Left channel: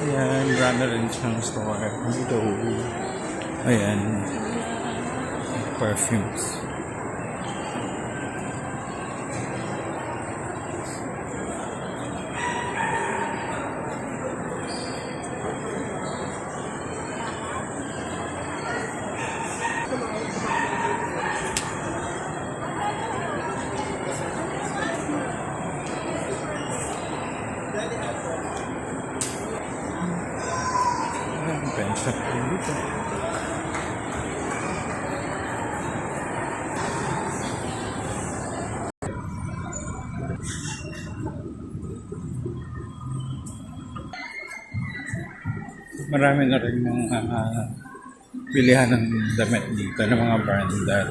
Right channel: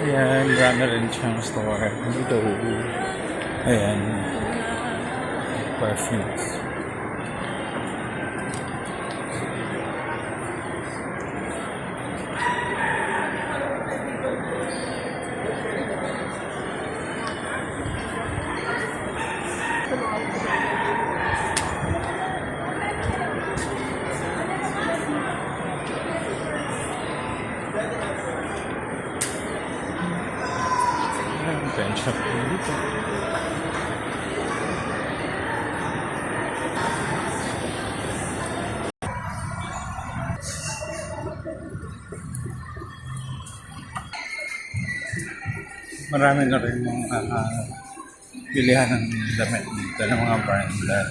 Ayan, marami rin siyang store. Dito. Ayan. Perfumes. Ayan, pen shop din dito. Marami na rin yung bilihan ng damit dito ng mga branded.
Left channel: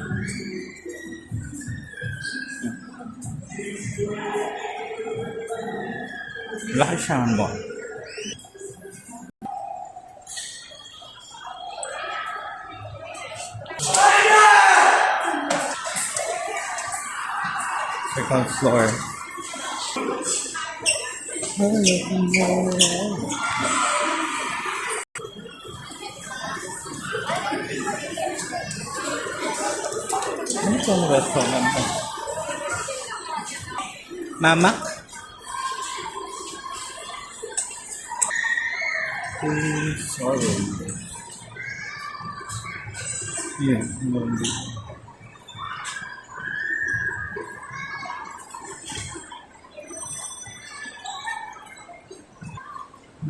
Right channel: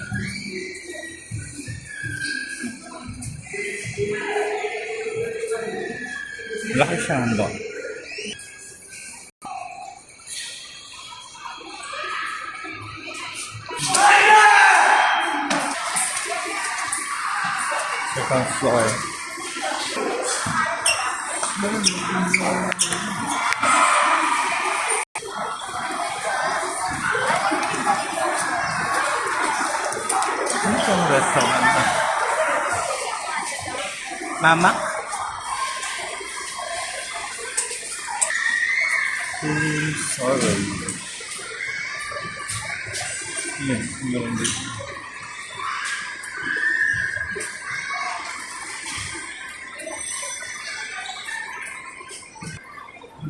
Laki siyang mall. Second floor. Ano itong restaurant na? Mama? Sorry. Yun, meron dito.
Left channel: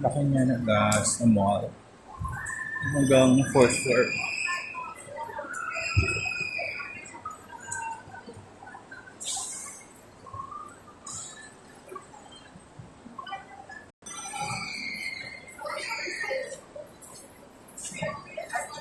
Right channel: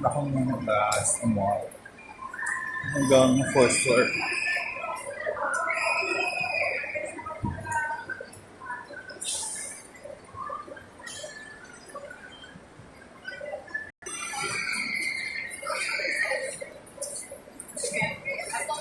Bakong nga sa mall. Hanggang 4th floor.